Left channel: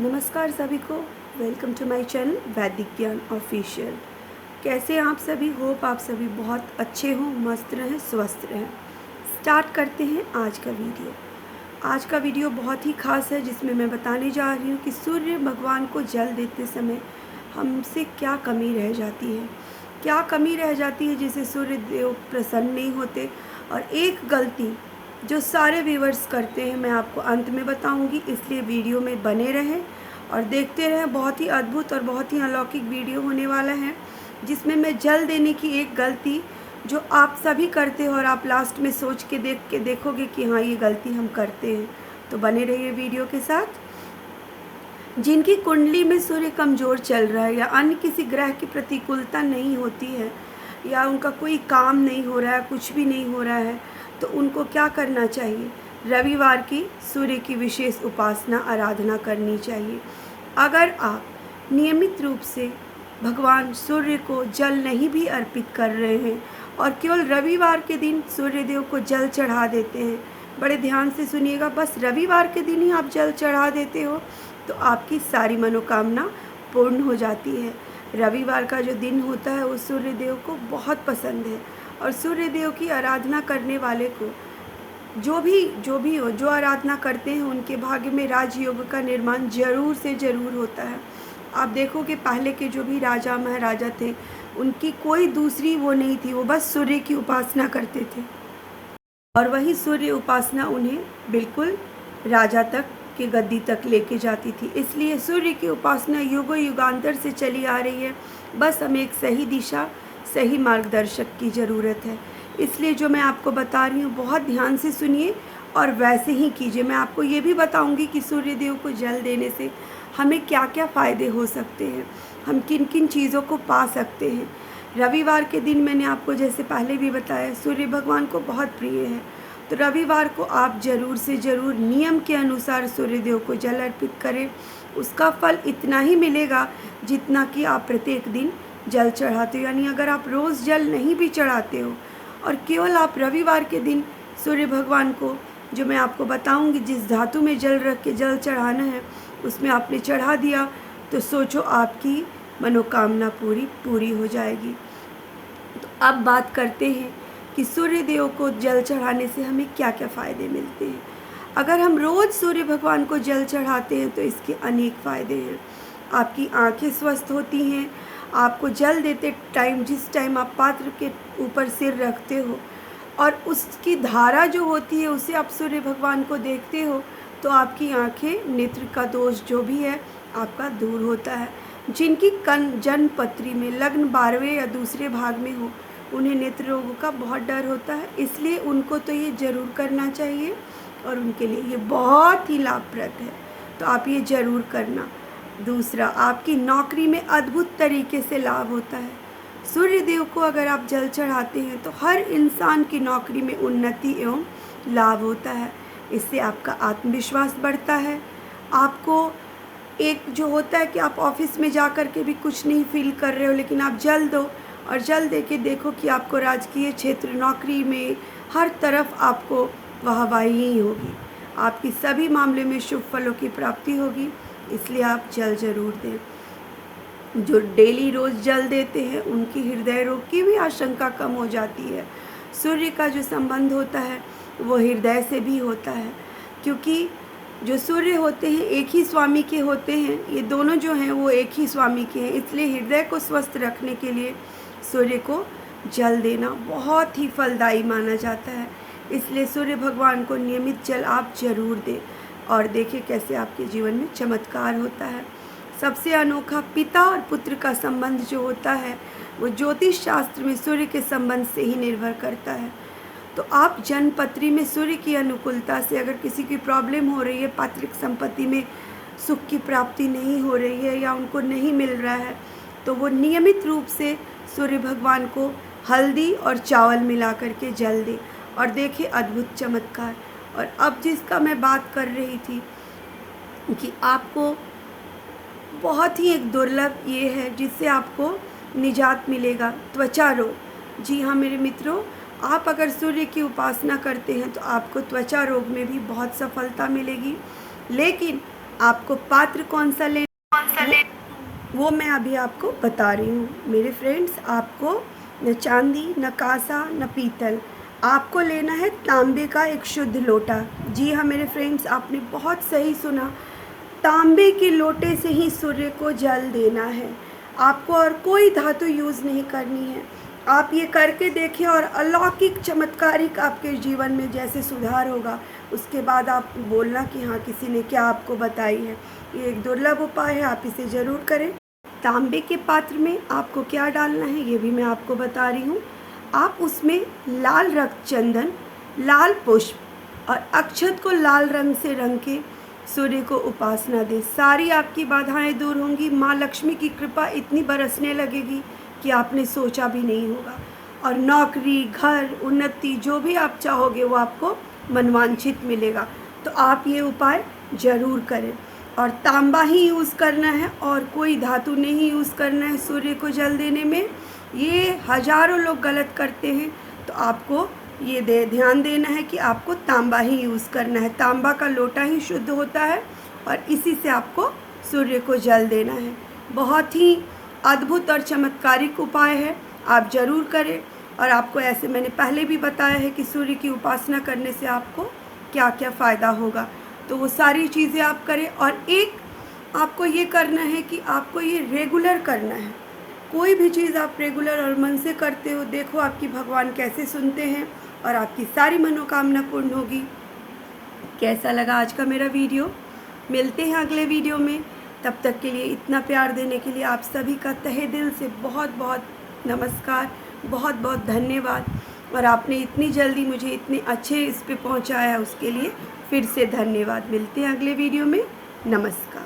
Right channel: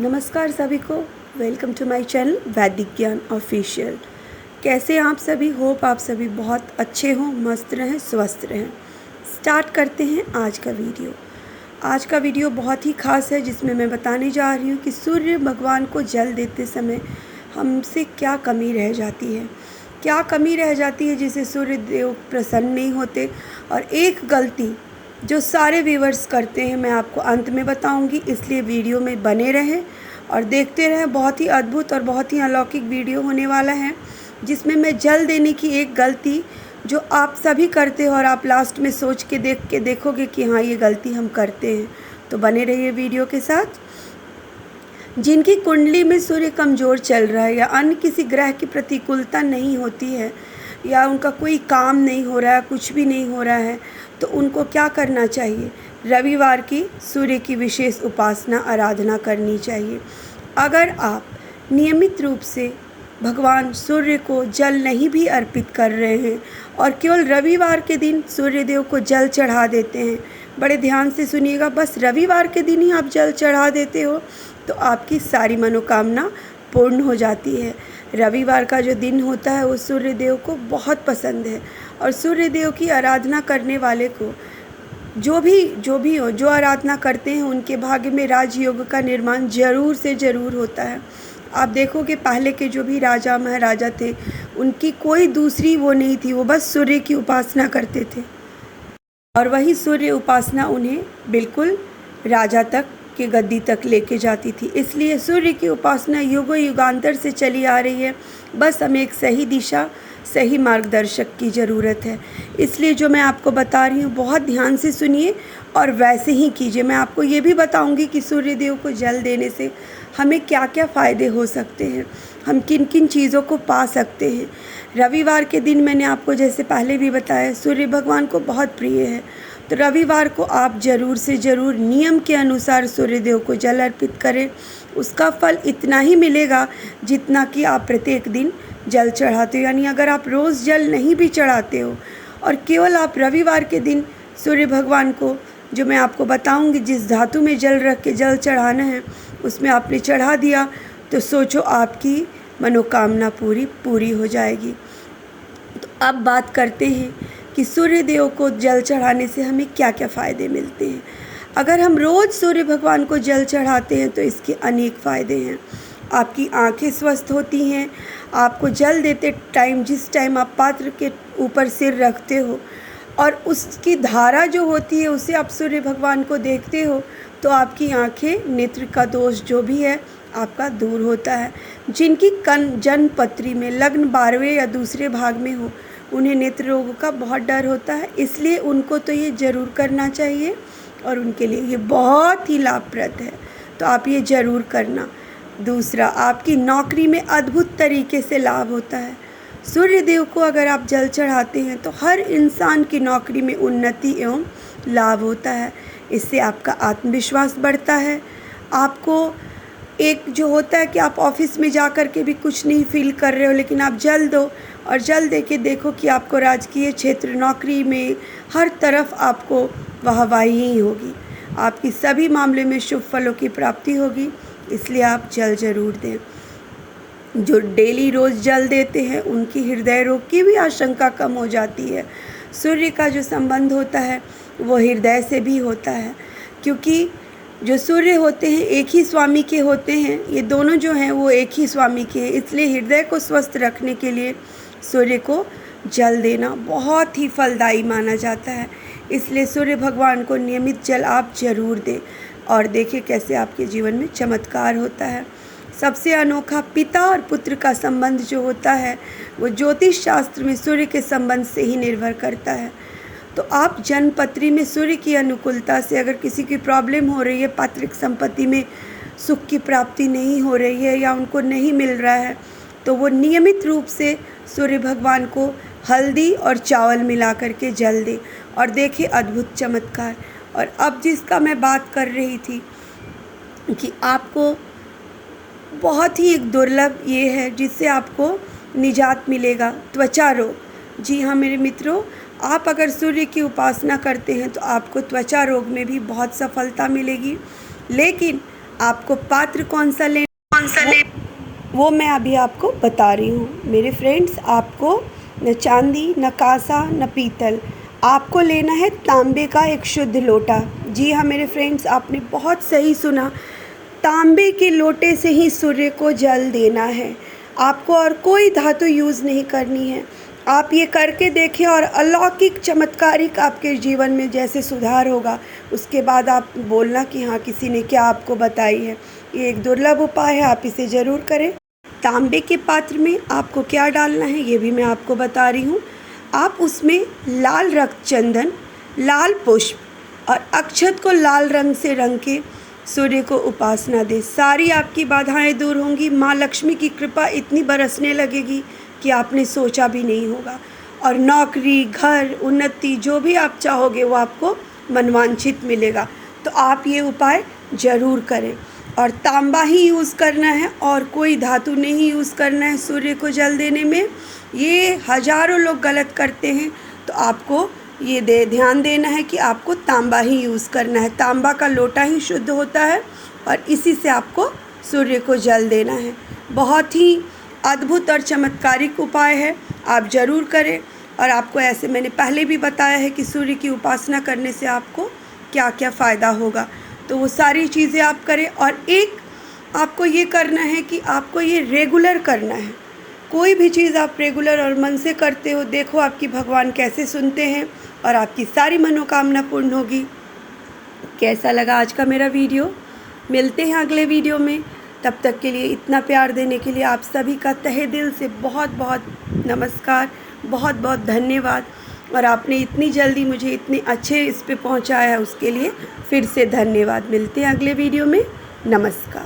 नमस्कार सभी को। वेलकम टू माय चैनल वैदिक ज्ञान ऑफिशियल। कैसे हैं आप सभी? होप आप सभी बहुत अच्छे हों, मस्त रहें, स्वस्थ रहें। स्टार्ट करते हैं आज का वीडियो। आज का वीडियो बहुत ही ख़ास है, जिसमें मैं बताने जा रही हूँ कि सूर्य भगवान को जल देते समय हमसे क्या कमी रह जाती है, क्या कमी रह जाती है जिससे सूर्य देव प्रसन्न नहीं होते। और एक गलती जो सारे व्यूवर्स करते हैं, मैं आपको अंत में बताऊंगी, इसलिए वीडियो में बने रहें और देखते रहें। बहुत ही अद्भुत और बहुत ही अलौकिक वीडियो होने वाला है, जिसमें मैं जल देने की एक गलती जो आप सभी करते हो और आप लास्ट में सोच के देखोगे कि हाँ, ये गलती हम करते हैं। तो बने रहिए वीडियो के साथ। जिनकी कुंडली में सूर्य कमज़ोर चल रहा है या अन्य किसी ग्रह की प्रतिकूलता नहीं होती है या उनका कोई काम नहीं हो रहा है, कुछ भी नहीं हो रहा है, तो उनको क्या करना चाहिए? रविवार की सूर्य की विशेष उपासना आराधना करनी चाहिए। अगर आप नियमित रूप से भगवान सूर्य को जल नहीं भी अर्पित कर रहे हैं और केवल रविवार के दिन सूर्य देव को जल चढ़ा देते हैं, बड़े ध्यान से सुनिएगा, बस रविवार के दिन ही आप जल चढ़ा देते हो तो आपकी सारी मनोकामना पूर्ण हो जाती है। रविवार का जो दिन होता है वो सूर्य देव को बहुत पसंद है और सूर्य देव की आराधना करने वाले को जो भी हो, जो आराधना करते हैं, उनके भाग्य में राजयोग का निर्माण ज़रूर से ज़रूर होता है। आप देखोगे पहले के जो भी राजा महाराजा थे, उनकी कोई दूसरी वो नहीं थी, वो बस सूर्य की उपासना करते थे और वही सूर्य उपासना उन्हें बिल्कुल राजा तक की गद्दी तक लेके जाती थी। इसलिए सूर्य की उपासना युगों युगांतर से चली आ रही है। बस हमें एक सही दिशा, सही मार्गदर्शक की ज़रूरत है। इसलिए जो मैं आपको बता रही हूँ, बहुत ध्यान से सुनिए और वैसे ही कीजिए। मैं आपको ये भी बताऊँगी कि सूर्य देव को जल देने से हमें क्या क्या फ़ायदे हो सकते हैं, हम किन किन चीज़ों को पा सकते हैं। रविवार के दिन मैंने आपको जैसे पहले भी बताया, सूर्य भगवान को बहुत प्रिय है, तो रविवार को आप ज़रूर से ज़रूर नियम के अनुसार सूर्य देव को जल अर्पित करें। उसका फल इतना ही मिलेगा जितना कि आप प्रत्येक दिन जल चढ़ाते हो। यानी अगर आप रोज़ जल नहीं भी चढ़ाते हो और केवल आप रविवार के दिन सूर्य भगवान को, जो मैं आपको बताऊंगी जिस धातु में जल रख के जल चढ़ाना है, उसमें आपने चढ़ा दिया, तो सोचो आपकी मनोकामना पूरी हो जाएगी। तो अब बात करते हैं कि सूर्य देव को जल चढ़ाने से हमें क्या क्या फ़ायदे मिलते हैं। अगर हम रोज़ सूर्य भगवान को जल चढ़ाते हैं तो इसके अनेक फ़ायदे हैं। आपकी आंखें स्वस्थ होती हैं। आपको जल देते टाइम, जिस टाइम आप पात्र के ऊपर सिर रखते हो और उसकी धारा जो होती है उसे आप सूर्य भगवान को देखते हो, तो आपकी आंखें, नेत्र का दोष जो भी है आपका दूर होता है। जिनकी जन्म पत्री में लग्न 12वें या दूसरे भाग में हो, उन्हें नेत्र रोग का बहुत डर होता है, इसलिए उनको तो ये ज़रूर करना चाहिए और उनके लिए ये बहुत ही लाभप्रद है, तो आप ये ज़रूर करना। दूसरा, आपकी नौकरी में अद्भुत तरीके से लाभ होता है। सूर्य देव को अगर आप जल चढ़ाते हैं तो हर इंसान की नौकरी में उन्नति एवं लाभ होता है। इससे आपका आत्मविश्वास बढ़ता है। आपको एक जो होता है कि आप ऑफिस में जा कर के भी कुछ नहीं फील कर रहे हो, लेकिन आप जल दो और जल दे के देखो कि आपको राजकीय क्षेत्र, नौकरी में हर तरफ आपको वाहवाही ही होगी। आपकी सभी मामले में शुभ फलों की प्राप्ति होगी, इसलिए आप जल ज़रूर दें। जो डेली रोज़ जल देते हैं उनकी हृदय रोग की भी आशंका कम हो जाती है। सूर्य का जो संबंध होता है वो हृदय से भी होता है, क्योंकि जो सूर्य होते हैं एक ही स्वामी के होते हैं। ये दोनों जो हैं वो एक ही स्वामी के हैं, इसलिए हृदय को स्वस्थ रखने के लिए सूर्य को जल देना बहुत ही फलदायी माना जाता है। इसलिए सूर्य भगवान को नियमित जल आप ज़रूर दें और देखिए कैसे आपके जीवन में चमत्कार होता है। सबसे अनोखा पिता और पुत्र का संबंध जो होता है वो ज्योतिष शास्त्र में सूर्य के संबंध से ही निर्भर करता है। तो आप जन्मपत्री में सूर्य की अनुकूलता से अगर किसी की प्रॉब्लम हो रही है, पैतृक संपत्ति में सुख की प्राप्ति नहीं हो रही है या उनको नहीं मिल रहा है, तो वो नियमित रूप से सूर्य भगवान को हल्दी और चावल मिला करके जल दे और देखिए अद्भुत चमत्कार। और अब जिसका मैं बात कर रही थी कि आपको बहुत ही एक दुर्लभ ये है जिससे आपको निजात मिलेगा, त्वचा रोग। जी हाँ मेरे मित्रों, आप अगर सूर्य की उपासना करते हैं तो आपको त्वचा रोग में भी बहुत सफलता मिलेगी। लेकिन आपको पात्र कौन सा वो मैं अभी आपको बता रही हूँ। मेरे फ्रेंड्स, आपको न चांदी, न कांसा, न पीतल, आपको लेना है तांबे का एक शुद्ध लोटा। जी हाँ मेरे फ्रेंड्स, आपने बहुत सही सुना। तांबे के लोटे से ही सूर्य को जल देना है। आपको और कोई धातु यूज़ नहीं करनी है। आप ये करके देखें और अलौकिक चमत्कारिक आपके जीवन में जैसे सुधार होगा, उसके बाद आप बोलना कि हाँ किसी ने क्या आपको बताई है। ये एक दुर्लभ उपाय है, आप इसे ज़रूर करें। तांबे के पात्र में आपको क्या डालना है ये भी मैं आपको बता रही हूँ। आप उसमें लाल रक्त चंदन, लाल पुष्प और अक्षत को लाल रंग से रंग के सूर्य को उपासना दें। सारी आपकी बाधाएं दूर होंगी। माँ लक्ष्मी की कृपा इतनी बरसने लगेगी कि आपने सोचा भी नहीं होगा। और नौकरी, घर, उन्नति जो भी आप चाहोगे वो आपको मनवांछित मिलेगा। तो आप ये उपाय ज़रूर करें। और तांबा ही यूज़ करना है और कोई धातु नहीं यूज़ करना है सूर्य को जल देने में। ये हज़ारों लोग गलत करते हैं, तो आपको ये ध्यान देना है कि आपको तांबा ही यूज़ करना है। तांबा का लोटा ही शुद्ध होता है और इसी से आपको सूर्य को जल देना है। बहुत ही अद्भुत और चमत्कारिक उपाय है, आप ज़रूर करें। और आपको ऐसे मैंने पहले भी बताया है कि सूर्य की उपासना करने से आपको क्या क्या फ़ायदा होगा, तो वो सारी चीज़ें आप करें। और एक आपको ये करना है कि आपको ये रेगुलर करना है। कोई भी चीज़ आप रेगुलर और मन से करते हो, देखो आपकी भगवान कैसे सुनते हैं और आपकी सारी मनोकामना पूर्ण होगी। कैसा लगा आज का मेरा वीडियो? मिलते हैं अगले वीडियो में। तब तक के लिए इतना प्यार देने के लिए आप सभी का तहे दिल से बहुत बहुत नमस्कार, बहुत बहुत धन्यवाद। और आपने इतनी जल्दी मुझे इतने अच्छे इस पे पहुंचाया, उसके लिए फिर से धन्यवाद। मिलते हैं अगले वीडियो में। नमस्कार।